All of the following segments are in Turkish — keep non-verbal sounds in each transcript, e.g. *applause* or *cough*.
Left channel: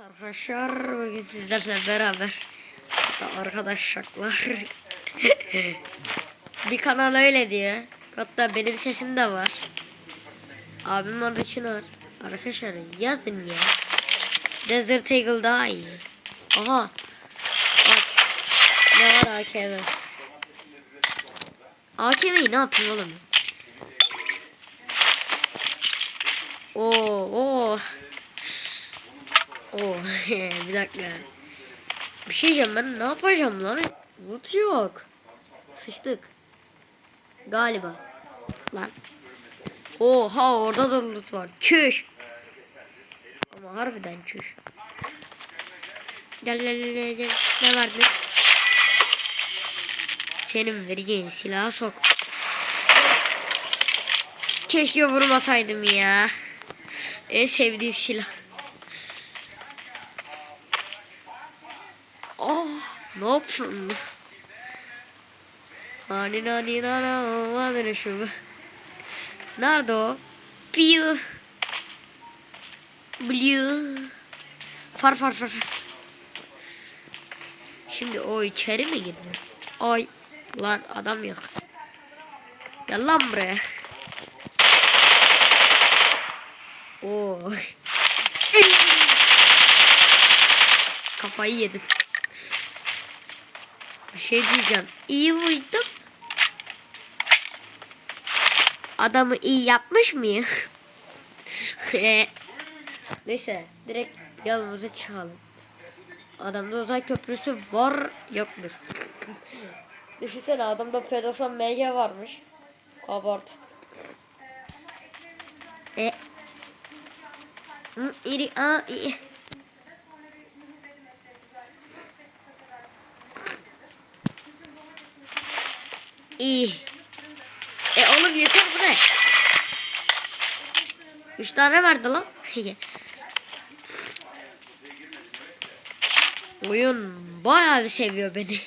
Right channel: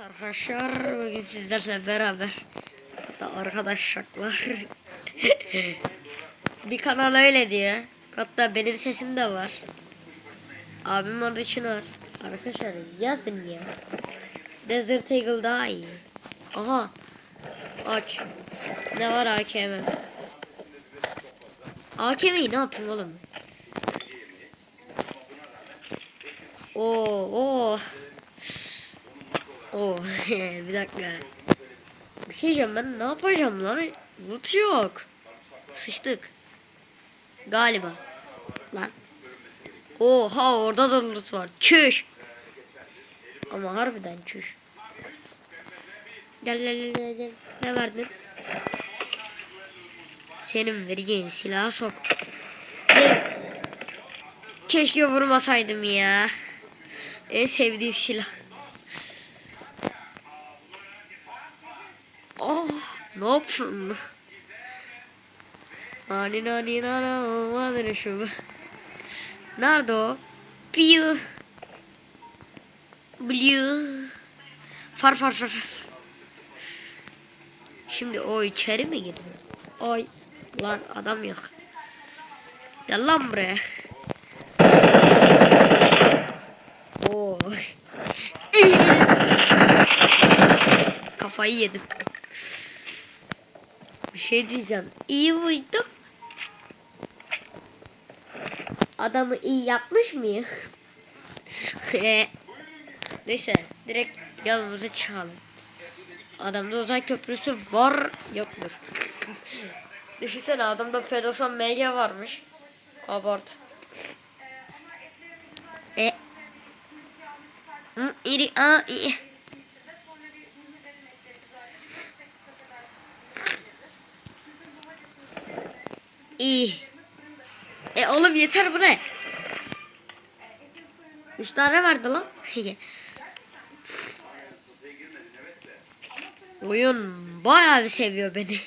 Arkadaşlar bugün sizlerle beraber hatta arkadaşlar *laughs* bir kanal öyle diyor. Hatta benim sesim de var. Abim adı Çınar. Arkadaşlar yazın ya. Desert Eagle daha iyi. Aha. Aç. Ne var AKM? AKM'yi ne yapayım oğlum? Oo, oo. Oo, *laughs* bir dakika. Bir şey diyeceğim ben ne yapacağım lan? Loot yok. Sıçtık. Galiba. Lan. Oha orada da loot var. Çüş. Ama harbiden çüş. Gel gel gel gel. Ne verdin? Senin vereceğin silahı sok. Keşke vurmasaydım ya. En sevdiğim silah. Oh, ne yapıyorsun? Hani nani nana olmadı şu. Nerede o? Piu. Blue. Far far far. Şimdi o içeri mi girdi? Ay lan adam yok. Gel lan buraya. Oo. Kafayı yedim. Şey diyeceğim. İyi vurdum. Adamı iyi yapmış mıyım? *laughs* Neyse direkt yolumuza çıkalım. Adamda uzay köprüsü var yoktur. *laughs* Düşünsene adamda pedosan MG varmış. Abart. E. İri a i. İyi. E oğlum yeter bu ne? Üç tane verdi lan. *laughs* Oyun bayağı bir seviyor beni.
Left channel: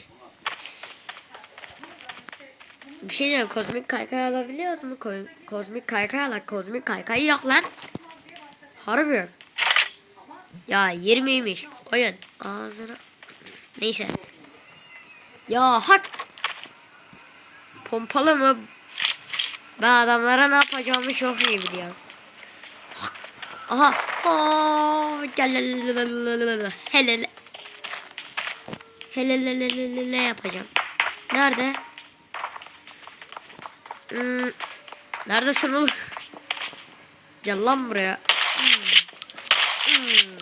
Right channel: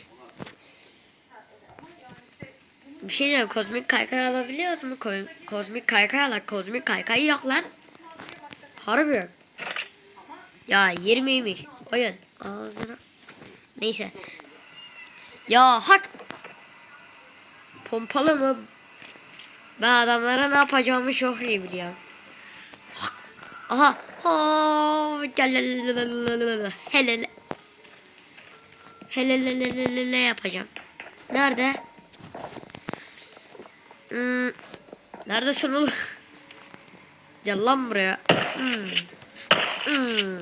Bir şey diyeyim kozmik kaykay alabiliyoruz mu? Ko kozmik kaykay ala kozmik kaykay yok lan. Harbi. Ya 20'ymiş oyun. Ağzına. Neyse. Ya hak. Pompalı mı? Ben adamlara ne yapacağımı çok iyi biliyorum. Aha. Aa, gel hele hele. Hele hele hele hele yapacağım. Nerede? Hmm. Neredesin oğlum? Gel lan buraya. Hmm. Hmm.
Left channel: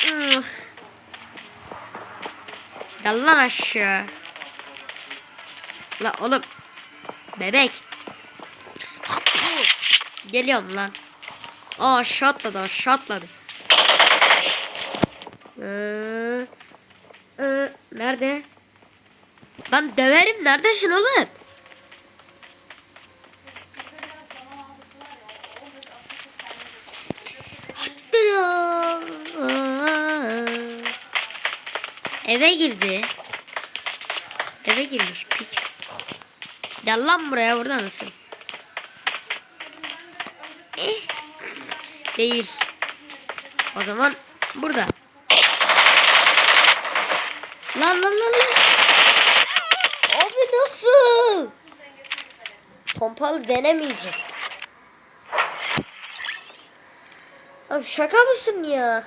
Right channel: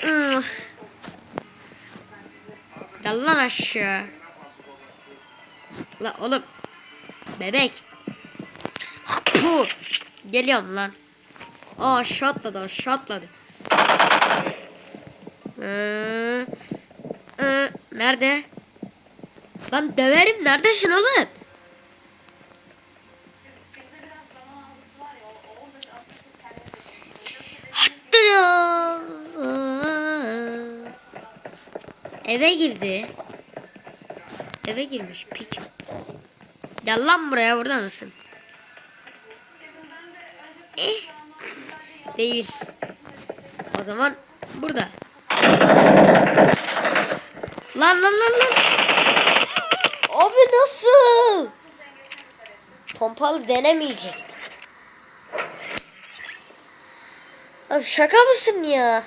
Hmm. Gel lan aşağı. La oğlum. Bebek. Geliyorum lan. Aa aşağı atladı aşağı atladı. Ee, ee, nerede? Lan döverim neredesin oğlum? Ya. Eve girdi. Eve girmiş piç. Gel lan buraya burada mısın? Eh. Değil. O zaman burada. Lan lan lan lan. Abi nasıl? Pompalı denemeyecek. Abi şaka mısın ya?